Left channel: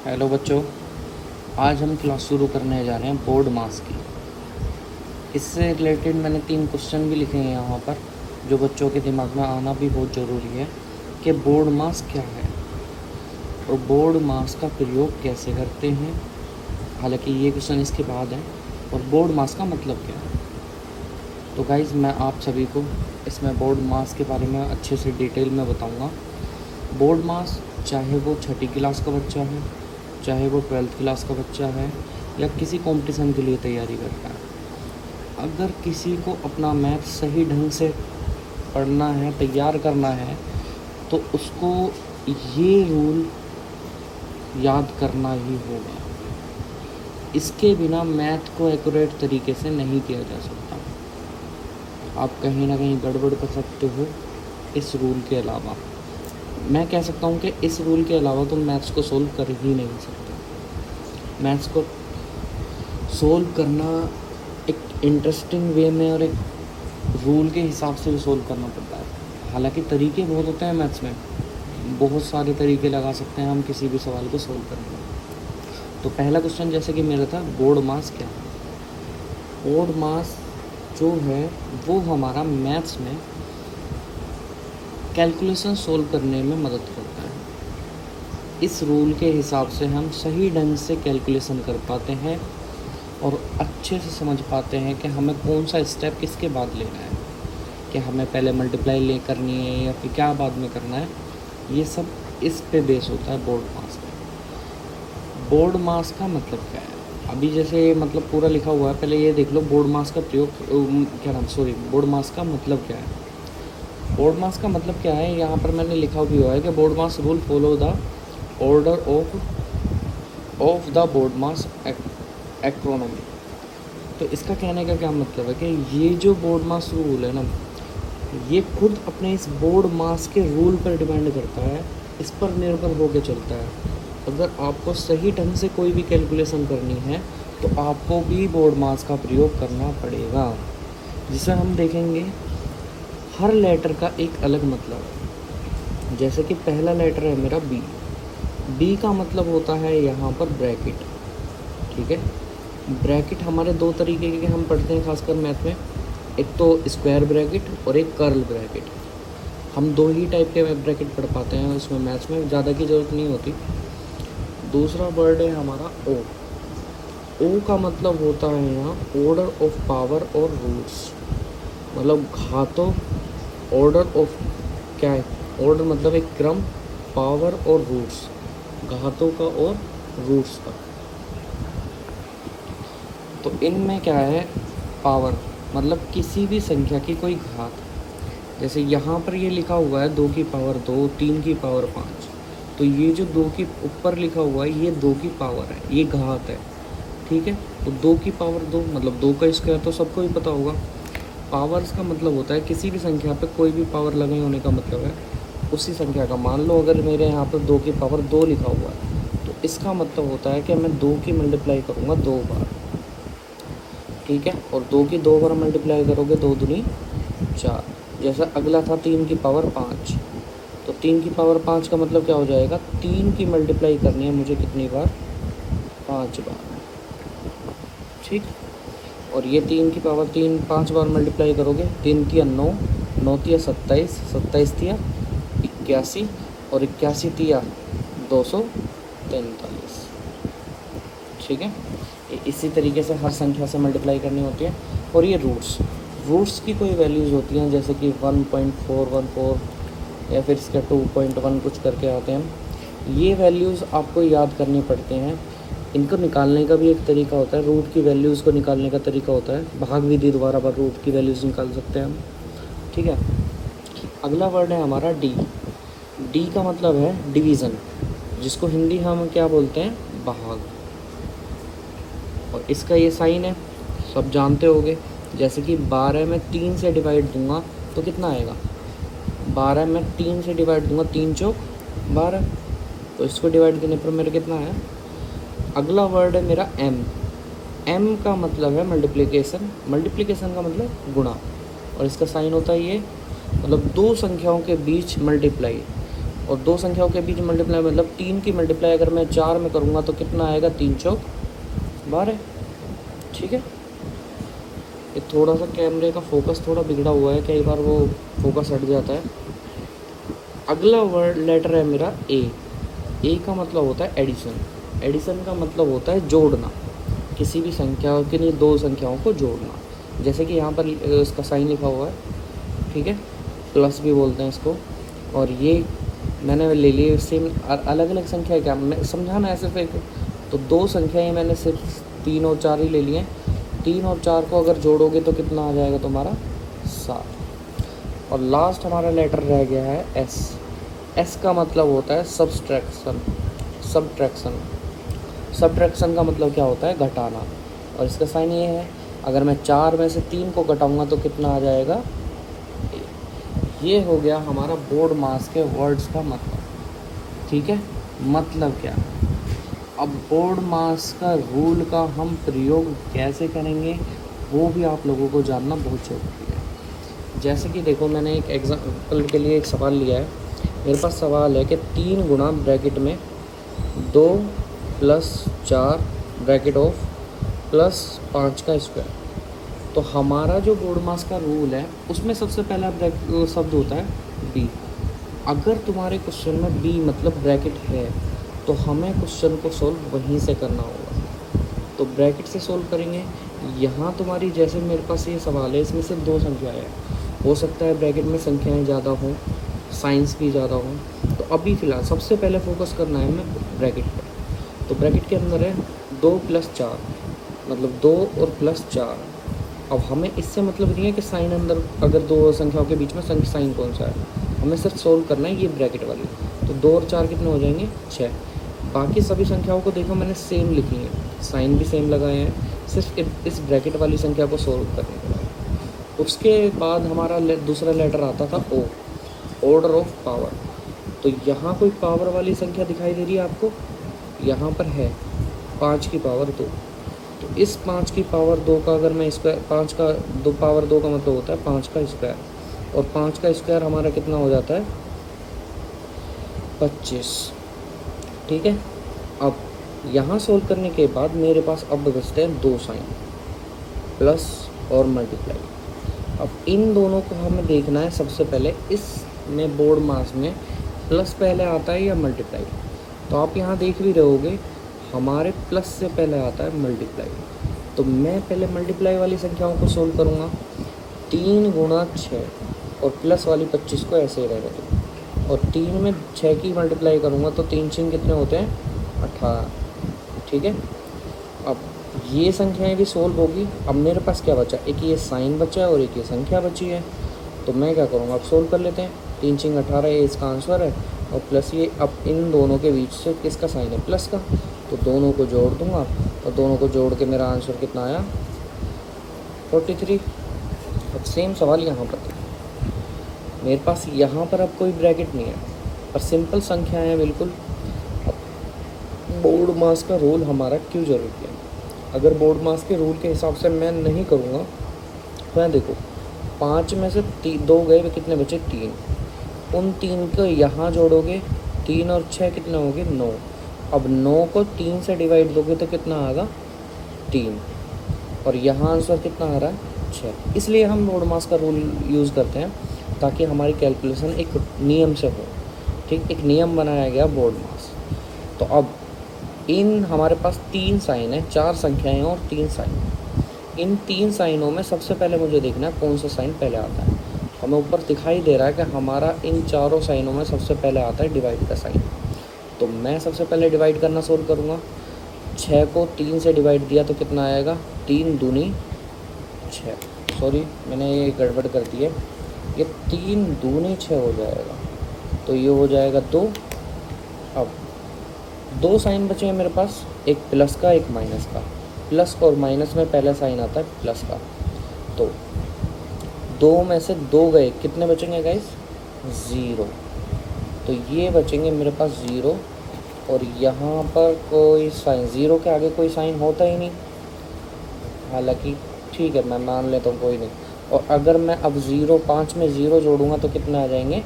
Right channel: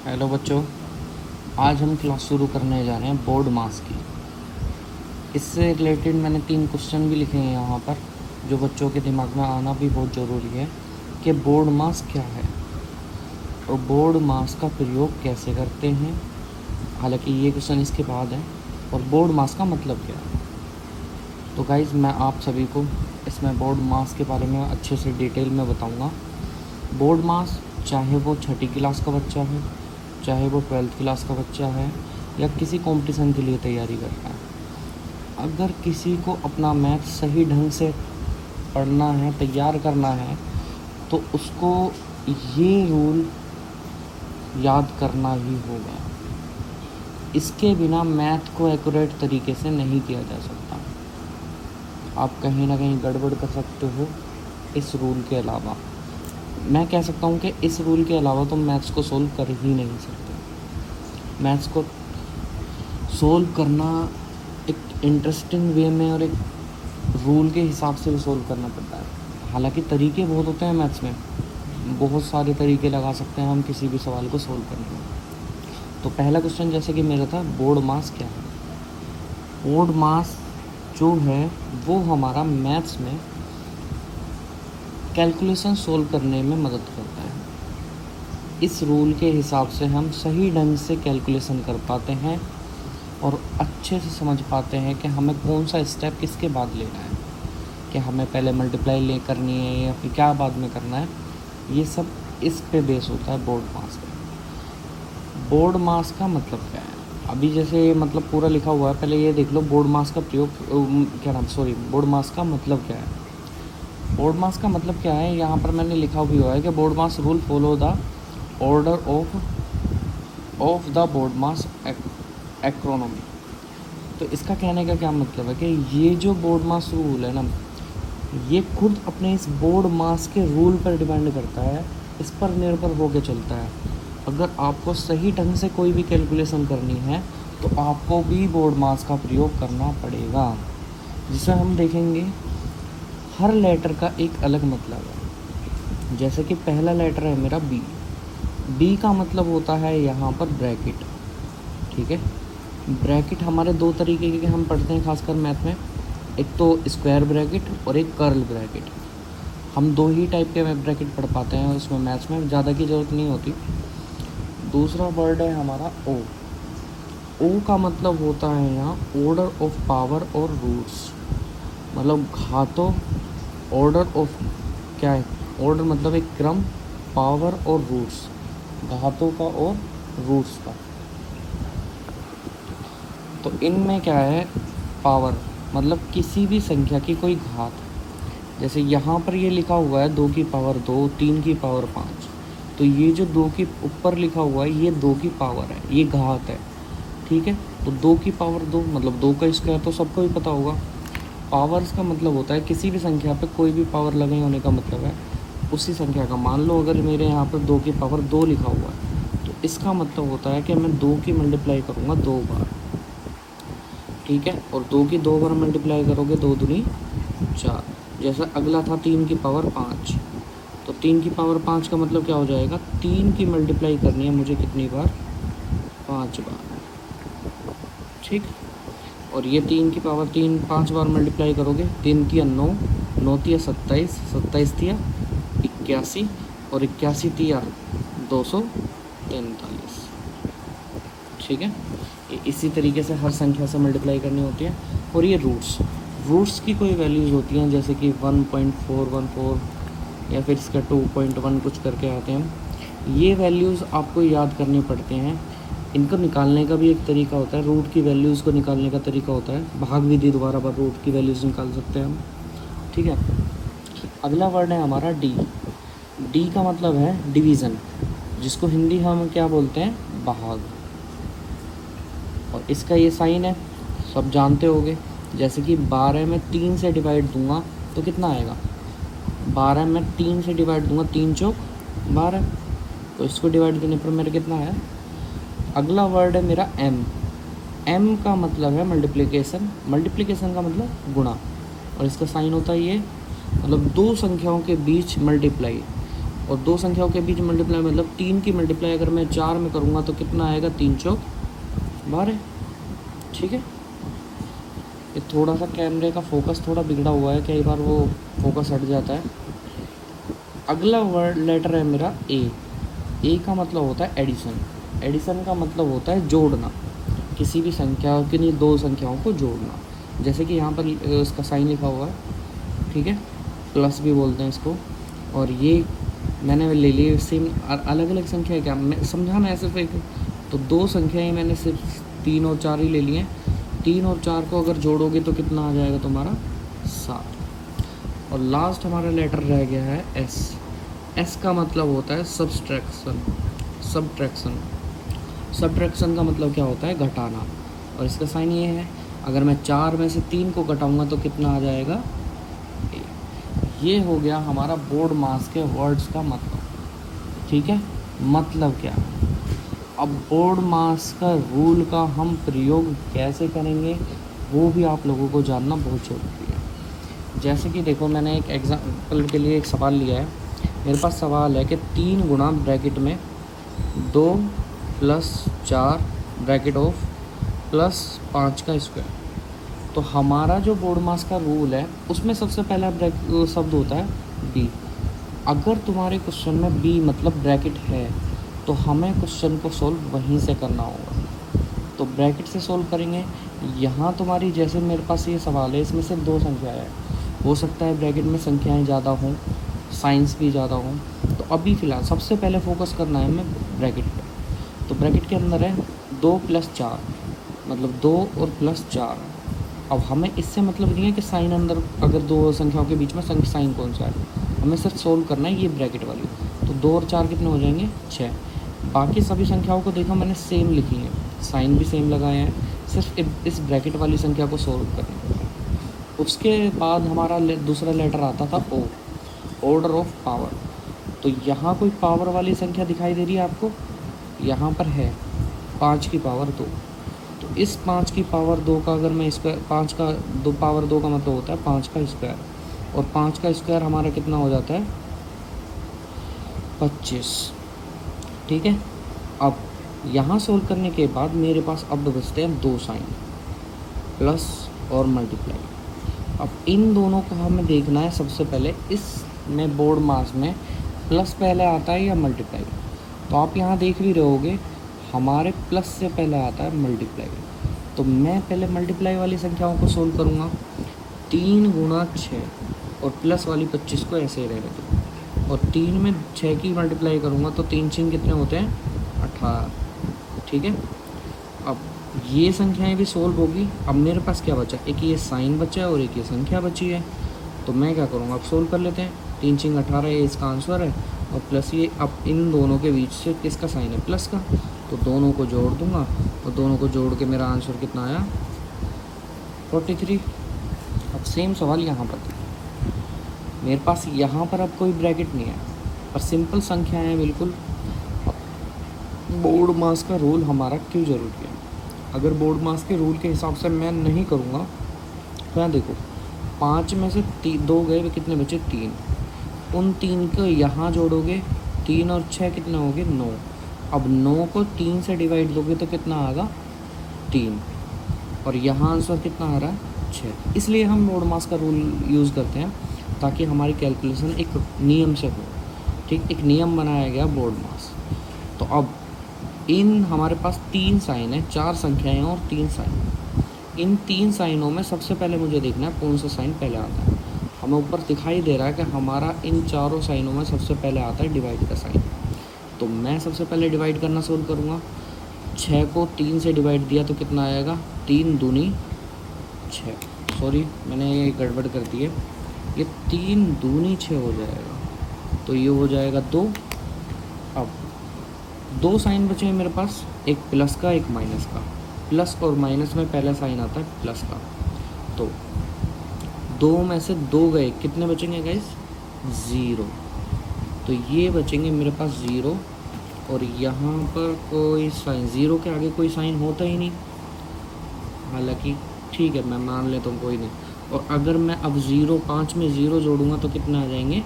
Hello बच्चों, आज हम क्लास शुरू करने जा रहे हैं बोर्ड मास की। इससे रिलेटेड मैंने 3 क्वेश्चन भी लिखे हैं यहाँ पर, जो बच्चों के दिमाग में आना भी बहुत ज़रूरी है कि बोर्ड मास क्या है और बोर्ड मास का प्रयोग कैसे करते हैं। हालांकि ये क्वेश्चन इसके बाद है। और बोर्ड मास का मतलब क्या है। तो गाइज़, मैं आप सभी को इसमें बोर्ड मास के बारे में अच्छे से डिटेल में बताऊँगा। बोर्ड मास, चाहे वो छठी क्लास का बच्चा है, चाहे वो 12th क्लास का बच्चा है, या किसी कंपटीशन के लिए तैयारी कर रहा है, अगर किसी को अपना मैथ सही ढंग से पढ़ना है, तैयार करना है, तो उसको ये रूल याद करना ही होगा। इसके बिना मैथ को एक्यूरेट तरीके से नहीं किया जा सकता। आप कहीं ना कहीं गड़बड़ कर सकते हो इस रूल के अलावा। मैं कह सकता हूँ कि इस रूल के अलावा तुम मैथ्स को सोल्व कर ही नहीं सकते। मैथ्स को सोल्व करना एक इंटरेस्टिंग वे में और एक रूल के हिसाब से भी सोल्व करना पड़ता है। हालांकि तरीके बहुत होते हैं मैथ्स में, बहुत सारे तरीके लगा सकते हैं हम किसी भी सवाल को सोल्व करने में। तो पहला क्वेश्चन जैसे कि मेरा था, बोर्ड मास क्या है। बोर्ड मास जो है वो हमारा मैथ्स में कैलकुलेशन सोल्व करने में मदद करता है। इस रूल के हिसाब से हम सही ढंग से कैलकुलेशन कर पाते हैं और अच्छे से समझ पाते हैं कि हमें कौन सा स्टेप किसके बाद लेना है, कि हमें पहले मल्टीप्लाई करनी है या फिर क्या बाद में करना है। ये सब इस पे बेस होता है बोर्ड मास पे। बोर्ड मास का मतलब क्या है, अभी जैसे मतलब पूरा लिखा हुआ है, पहले ये देख लो बोर्ड मास का प्रयोग क्या नाम सॉरी बोर्ड मास का मतलब क्या है। बोर्ड मास का मतलब क्या है, यहाँ पर मैंने लिखा भी हुआ है कि BODMAS rule follow the order of the BODMAS acronym. तो इसका कहने का क्या मतलब है कि ये जो बोर्ड मास रूल है ना, ये खुद अपने इस बोर्ड मास के रूल पर डिपेंड करता है, इस पर निर्भर होकर चलता है। अगर आपको सही ढंग से कोई भी कैलकुलेशन करनी है तो आपको भी बोर्ड मास का प्रयोग करना पड़ेगा, जिसे हम देखेंगे हर लेटर का एक अलग मतलब है। जैसे कि पहला लेटर है मेरा बी। बी का मतलब होता है यहाँ पर ब्रैकेट। ठीक है, ब्रैकेट हमारे दो तरीके के हम पढ़ते हैं खासकर मैथ में, एक तो स्क्वायर ब्रैकेट और एक कर्ल ब्रैकेट। हम दो ही टाइप के ब्रैकेट पढ़ पाते हैं उसमें, मैथ्स में ज़्यादा की ज़रूरत नहीं होती। दूसरा वर्ड है हमारा ओ। ओ का मतलब होता है यहाँ ऑर्डर ऑफ पावर और रूट्स, मतलब घातों। ऑर्डर ऑफ क्या है, ऑर्डर मतलब एक क्रम, पावर और रूट्स, घातों का और रूट्स का। तो इनमें क्या है, पावर मतलब किसी भी संख्या की कोई घात। जैसे यहाँ पर ये लिखा हुआ है 2 की पावर 2, 3 की पावर 5। तो ये जो 2 की ऊपर लिखा हुआ है ये 2 की पावर है, ये घात है। ठीक है, तो 2 की पावर 2 मतलब 2 का स्क्वायर तो सबको ही पता होगा। पावर्स का मतलब होता है किसी भी संख्या पे कोई भी पावर लगे होने का मतलब है उसी संख्या का। मान लो अगर मेरे यहाँ पर 2 की पावर 2 लिखा हुआ है, तो इसका मतलब होता है कि मैं 2 की मल्टीप्लाई करूँगा 2 बार। ठीक है, और 2 की 2 बार मल्टीप्लाई करोगे 2 दूनी 4। जैसा अगला था 3 की पावर 5, तो 3 की पावर 5 का मतलब क्या हो जाएगा, 3 की मल्टीप्लाई करनी है मुझे कितनी बार, 5 बार। ठीक, और ये 3 की पावर 3 5 बार मल्टीप्लाई करोगे, 3 तिया 9, 9 तिया 27, 27 तिया 81, और 81 तिया 243। ठीक है, कि इसी तरीके से हर संख्या से मल्टीप्लाई करनी होती है। और ये रूट्स की कोई वैल्यूज़ होती हैं, जैसे कि 1.414 या फिर इसका 2.1 कुछ करके आते हैं। ये वैल्यूज़ आपको याद करनी पड़ते हैं। इनको निकालने का भी एक तरीका होता है, रूट की वैल्यूज़ को निकालने का तरीका होता है, भाग विधि द्वारा पर रूट की वैल्यूज़ निकाल सकते हैं हम। ठीक है, अगला वर्ड है हमारा डी। डी का मतलब है डिवीज़न, जिसको हिंदी हम क्या बोलते हैं, भाग। और इसका ये साइन है, सब जानते होंगे। जैसे कि 12 में 3 से डिवाइड दूंगा तो कितना आएगा, 12 में 3 से डिवाइड दूंगा, 3 चौक 12, तो इसको डिवाइड करने पर मेरा कितना है। अगला वर्ड है मेरा एम। एम का मतलब है मल्टीप्लिकेशन। मल्टीप्लिकेशन का मतलब गुणा, और इसका साइन होता है ये, मतलब दो संख्याओं के बीच मल्टीप्लाई। और दो संख्याओं के बीच मल्टीप्लाई मतलब 3 की मल्टीप्लाई अगर मैं 4 में करूँगा तो कितना आएगा, 3 चौक 12। ठीक है, ये थोड़ा सा कैमरे का फोकस थोड़ा बिगड़ा हुआ है, कई बार वो फोकस हट जाता है। अगला वर्ड लेटर है मेरा ए। ए का मतलब होता है एडिशन। एडिशन का मतलब होता है जोड़ना, किसी भी संख्या के लिए दो संख्याओं को जोड़ना। जैसे कि यहाँ पर इसका साइन लिखा हुआ है, ठीक है, प्लस भी बोलते हैं इसको। और ये मैंने ले लिए सेम अलग अलग संख्या है, क्या मैं समझाना है सिर्फ एक। तो दो संख्याएं मैंने सिर्फ 3 और 4 ही ले लिए। 3 और 4 को अगर जोड़ोगे तो कितना आ जाएगा तुम्हारा, 7। और लास्ट हमारा लेटर रह गया है एस। एस का मतलब होता है सब्सट्रैक्शन। सब्ट्रैक्शन सब्ट्रैक्शन का मतलब क्या होता है, घटाना। और इसका साइन ये है, अगर मैं 4 में से 3 को घटाऊंगा तो कितना आ जाएगा। ये हो गया हमारा बोर्ड मास के वर्ड्स का मतलब। ठीक है, मतलब क्या। अब बोर्ड मास का रूल का हम प्रयोग कैसे करेंगे वो भी आप लोगों को जानना बहुत ज़रूरी है। जैसे कि देखो, मैंने एक एग्जाम्पल के लिए एक सवाल लिया है। मेरे पास सवाल है कि 3 गुणा ब्रैकेट में 2 + 4 ब्रैकेट ऑफ +5 का स्क्वायर। तो हमारा जो बोर्ड मास का रूल है उसमें सबसे पहला शब्द होता है बी। अगर तुम्हारे क्वेश्चन में बी मतलब ब्रैकेट है तो हमें क्वेश्चन को सोल्व वहीं से करना होगा। तो ब्रैकेट से सोल्व करेंगे। यहाँ तुम्हारी जैसे मेरे पास ये सवाल है, इसमें सिर्फ 2 संख्याएँ हैं। हो सकता है ब्रैकेट में संख्याएँ ज़्यादा हों, साइंस भी ज़्यादा हों। तो अभी फ़िलहाल सबसे पहले फोकस करना है हमें ब्रैकेट पर। तो ब्रैकेट के अंदर है 2 + 4 मतलब 2 और +4। अब हमें इससे मतलब नहीं है कि साइन अंदर अगर दो संख्याओं के बीच में साइन कौन सा है, हमें सिर्फ सोल्व करना है ये ब्रैकेट वाली। तो 2 और 4 कितने हो जाएंगे, 6। बाकी सभी संख्याओं को देखो मैंने सेम लिखी है, साइन भी सेम लगाए हैं, सिर्फ इस ब्रैकेट वाली संख्या को सोल्व करने के बाद। उसके बाद हमारा दूसरा लेटर आता था ओ, ऑर्डर ऑफ पावर। तो यहाँ कोई पावर वाली संख्या दिखाई दे रही है आपको, यहाँ पर है 5 की पावर 2। तो इस 5 की पावर 2 का अगर मैं स्क्वायर, 5 का 2 पावर 2 का मतलब होता है 5 का स्क्वायर। और 5 का स्क्वायर हमारा कितना हो जाता है, 25। ठीक है, अब यहाँ सोल्व करने के बाद मेरे पास अब बचते हैं 2 साइन, प्लस और मल्टीप्लाई। अब इन दोनों को हमें देखना है सबसे पहले, इसमें बोर्ड मास में प्लस पहले आता है या मल्टीप्लाई। तो आप यहाँ देख भी रहोगे हमारे प्लस से पहले आता है मल्टीप्लाई। तो मैं पहले मल्टीप्लाई वाली संख्याओं को सोल्व करूँगा। 3 गुणा 6 और प्लस वाली 25 को ऐसे ही रहेगा तो। और 3 में 6 की मल्टीप्लाई करूँगा तो 3 6 कितने होते हैं, 18। ठीक है, अब ये संख्याएं भी सोल्व होगी। अब मेरे पास क्या बचा, एक ये साइन बचा है और एक ये संख्या बची है। तो मैं क्या करूँगा, अब सोल्व कर लेते हैं। 3 6 18 ये इसका आंसर है, और प्लस ये, अब इन दोनों के बीच से किसका साइन है, प्लस का। तो दोनों को जोड़ दूंगा और दोनों को जोड़ के मेरा आंसर कितना आया, 43। अब सेम सवाल यहाँ पर देखो, मेरे पास यहाँ पर अब कोई ब्रैकेट नहीं है और सिंपल संख्या है बिल्कुल। अब बोर्ड मास का रूल हमारा क्यों ज़रूरी है। अगर बोर्ड मास के रूल के हिसाब से मैं नहीं करूँगा तो यहाँ देखो, 5 में से 2 गए, कितने बचे, 3। उन 3 को यहाँ जोड़ोगे, 3 और 6 कितना हो गए, 9। अब 9 को 3 से डिवाइड दोगे तो कितना आएगा, 3। और यहाँ आंसर कितना आ रहा है, 6। इसलिए हम बोर्ड मास का रूल यूज़ करते हैं ताकि हमारी कैलकुलेशन एक नियम से हो। ठीक, एक नियम बनाया गया बोर्ड मास। तो अब इन हमारे पास 3 साइन है, 4 संख्याएं और 3 साइन। इन 3 साइनों में सबसे पहले मुझे देखना है कौन सा साइन पहले आता है। हमें ऊपर दिखाई दे रहा है कि हमारा इन चारों साइनों में सबसे पहले आता है डिवाइड का साइन। तो मैं सबसे पहले डिवाइड करना सोल्व करूँगा। 6 को 3 से डिवाइड दिया तो कितना आएगा, 3 दूनी 6। सॉरी मैंने ये गड़बड़ कर दी है, ये 3 दूनी 6 हो जाएगा, तो ये हो जाएगा 2। अब 2 साइन बचे हैं मेरे पास, एक प्लस का एक माइनस का। प्लस और माइनस में पहला साइन आता है प्लस का। तो 2 में से 2 गए, कितने बचेंगे गाइस, 0। तो ये बचेंगे मेरे पास 0। और यहाँ पर कोई साइन, 0 के आगे कोई साइन होता ही नहीं, हालांकि ठीक है मैं मान लेता हूँ, कोई नहीं। और अगर मैं अब 0 5 में 0 जोड़ूंगा तो कितने आ जाएंगे,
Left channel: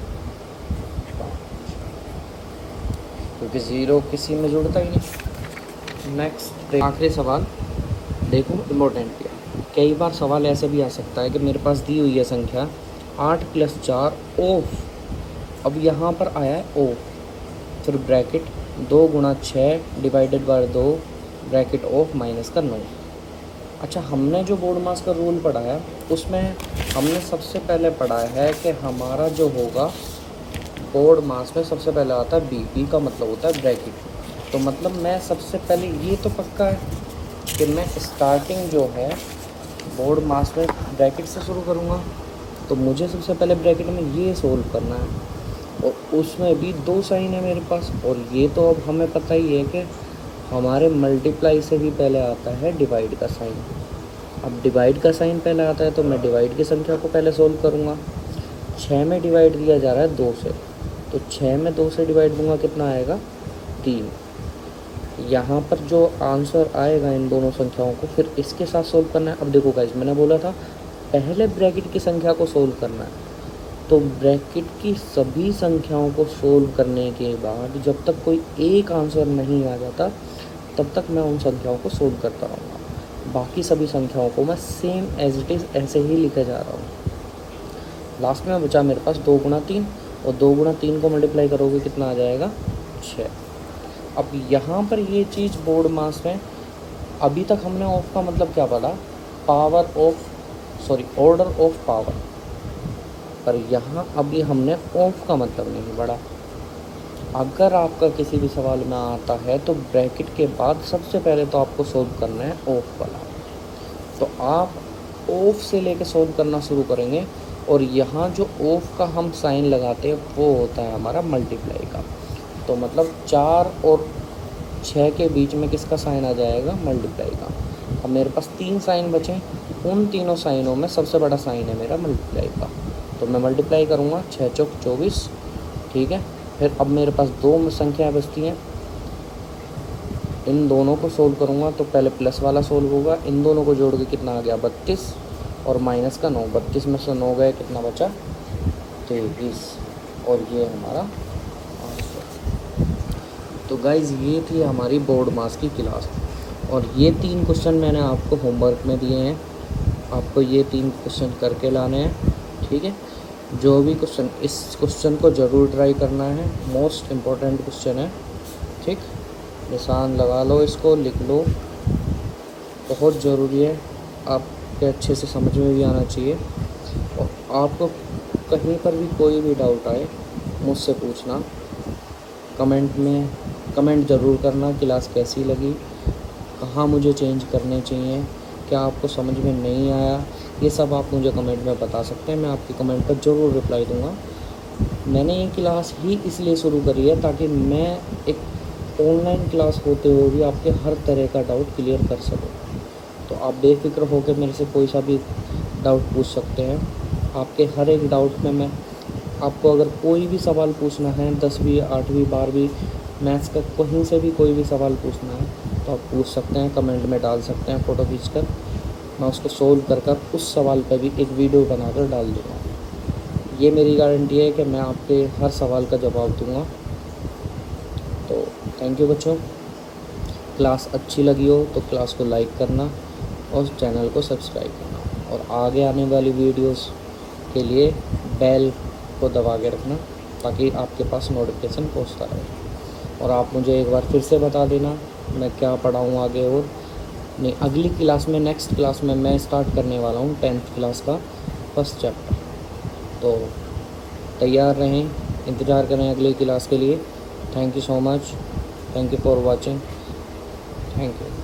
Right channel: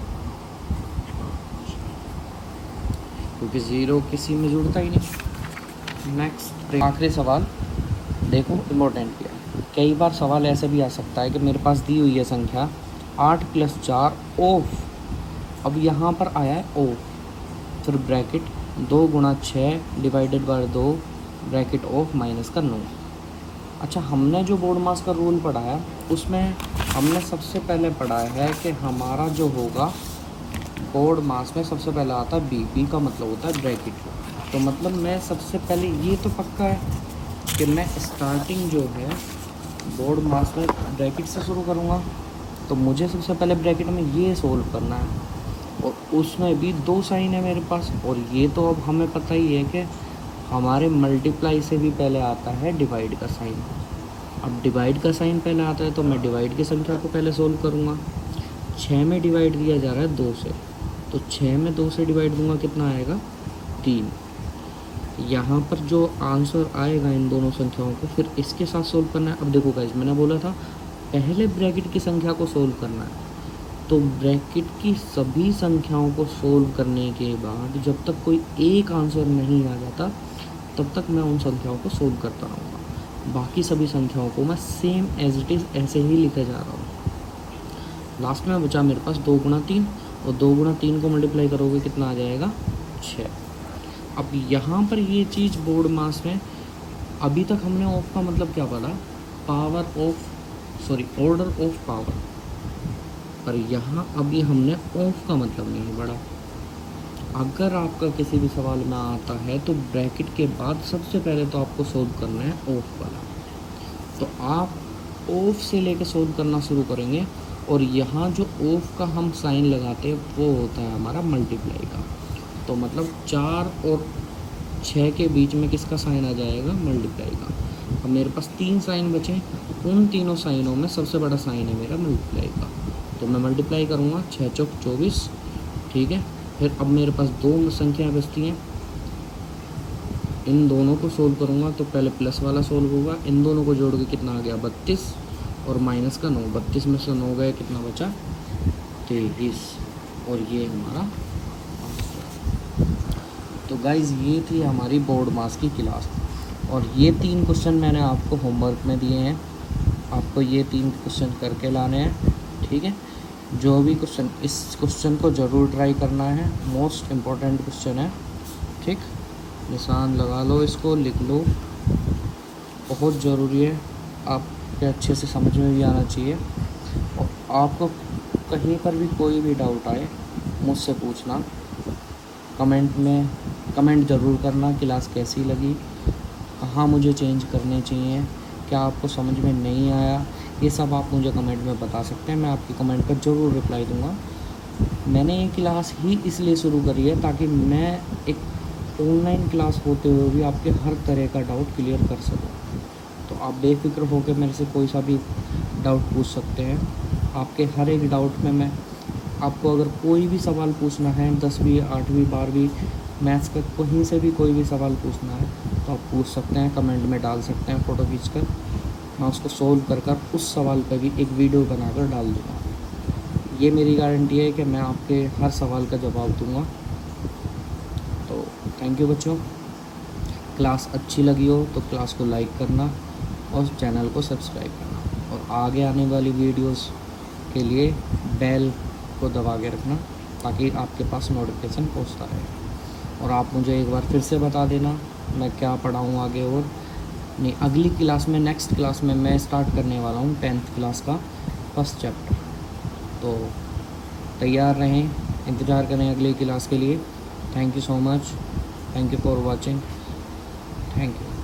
क्योंकि ज़ीरो किसी में जुड़ता ही नहीं। नेक्स्ट आखिरी सवाल देखो, इम्पोर्टेंट है। कई बार सवाल ऐसे भी आ सकता है कि मेरे पास दी हुई है संख्या 8 + 4 ऑफ, अब यहाँ पर आया है ऑफ, फिर ब्रैकेट 2 × 6 ÷ 2 ब्रैकेट ऑफ माइनस का 9। अच्छा, हमने जो बोर्ड मास का रूल पढ़ा है उसमें हमने सबसे पहले पढ़ा है कि हमारा जो होगा बोर्ड मास में सबसे पहले आता है बी का मतलब होता है ब्रैकेट। तो मतलब मैं सबसे पहले ये तो पक्का है कि मैं स्टार्टिंग जो है बोर्ड मास में ब्रैकेट से शुरू करूँगा। तो मुझे सबसे पहले ब्रैकेट में ये सोल्व करना है, और उसमें भी 2 साइन है मेरे पास। और ये तो अब हमें पता ही है कि हमारे मल्टीप्लाई से भी पहले आता है डिवाइड का साइन। अब डिवाइड का साइन पहले आता है तो मैं डिवाइड की संख्या को पहले सोल्व करूँगा। 6 में डिवाइड किया जा रहा है 2 से, तो 6 में 2 से डिवाइड दूंगा, कितना आएगा 3। यहाँ पर जो आंसर आएगा इन दोनों संख्याओं को फिर इसके साथ सोल्व करना है। अब देखो गाइस, मैंने बोला था पहले ब्रैकेट की संख्या को सोल्व करना है, तो ब्रैकेट की सभी संख्याओं को सोल्व करने के बाद जब तक कोई एक आंसर नहीं आ जाता तब तक मैं उन संख्याओं को सोल्व करता रहूँगा। बाकी सभी संख्याओं को मैं सेम एज इट इज़ ऐसे ही लिखे जा रहा हूँ। लास्ट में बचा मेरे पास 2 × 3, और 2 × 3 को मल्टीप्लाई करोगे कितना आ जाएगा 6। अब यहाँ पर ये चीज़ बोर्ड मास में अभी तक हमने ऑफ का मतलब क्या पढ़ा, ऑर्डर ऑफ पावर, पर यहाँ अभी हमने ऑफ का मतलब नहीं पढ़ा। अगर आपका किसी भी सवाल में आता है तो ब्रैकेट के बाद सबसे पहले तो आपको सोल्व करना है ऑफ वाला। तो आप ऑफ से लेके सोल्व करना शुरू करेंगे, और यहाँ जो ऑफ का हम साइन लगाते हैं वो होता है हमारा मल्टीप्लाई का। तो मतलब 4 और 6 के बीच में किसका साइन आ जाएगा, मल्टीप्लाई का। अब मेरे पास 3 साइन बचे, उन तीनों साइनों में सबसे बड़ा साइन है मेरा मल्टीप्लाई का, तो मैं मल्टीप्लाई करूँगा 6 × 4 = 24, ठीक है। फिर अब मेरे पास 2 संख्या बचती हैं, इन दोनों को सोल्व करूँगा। तो पहले प्लस वाला सोल्व होगा, इन दोनों को जोड़ के कितना आ गया 32, और माइनस का 9, 32 में से 9 गए, कितना बचा 23, और ये हमारा। तो गाइज़ ये थी हमारी बोर्ड मास की क्लास, और ये 3 क्वेश्चन मैंने आपको होमवर्क में दिए हैं, आपको ये 3 क्वेश्चन करके लाने हैं, ठीक है। जो भी क्वेश्चन, इस क्वेश्चन को ज़रूर ट्राई करना है, मोस्ट इम्पॉर्टेंट क्वेश्चन है, ठीक। निशान लगा लो, इसको लिख लो, बहुत ज़रूरी है, आपके अच्छे से समझ में भी आना चाहिए। और आपको कहीं पर भी कोई भी डाउट आए मुझसे पूछना, कमेंट ज़रूर करना, क्लास कैसी लगी, कहाँ मुझे चेंज करने चाहिए, क्या आपको समझ में नहीं आया, ये सब आप मुझे कमेंट में बता सकते हैं। मैं आपके कमेंट पर ज़रूर रिप्लाई दूंगा। मैंने ये क्लास ही इसलिए शुरू करी है ताकि मैं एक ऑनलाइन क्लास होते हुए भी आपके हर तरह का डाउट क्लियर कर सकूं। तो आप बेफिक्र होकर मेरे से कोई सा भी डाउट पूछ सकते हैं। आपके हर एक डाउट में मैं आपको, अगर कोई भी सवाल पूछना है 10वीं 8वीं 12वीं मैथ्स का कहीं से भी कोई भी सवाल पूछना है तो आप पूछ सकते हैं, कमेंट में डाल सकते हैं फ़ोटो खींचकर, मैं उसको सोल्व कर उस सवाल पर भी एक वीडियो बनाकर डाल दूँगा। ये मेरी गारंटी है कि मैं आपके हर सवाल का जवाब दूँगा। तो थैंक यू बच्चों, क्लास अच्छी लगी हो तो क्लास को लाइक करना और चैनल को सब्सक्राइब करना, और आगे आने वाली वीडियोस के लिए बेल को दबा के रखना ताकि आपके पास नोटिफिकेशन पहुंचता रहे। और आप मुझे एक बार फिर से बता देना मैं क्या पढ़ाऊँ आगे, और नहीं अगली क्लास में, नेक्स्ट क्लास में मैं स्टार्ट करने वाला हूँ 10th क्लास का फर्स्ट चैप्टर। तो तैयार रहें, इंतज़ार करें अगली क्लास के लिए। Thank you so much, thank you for watching, thank you.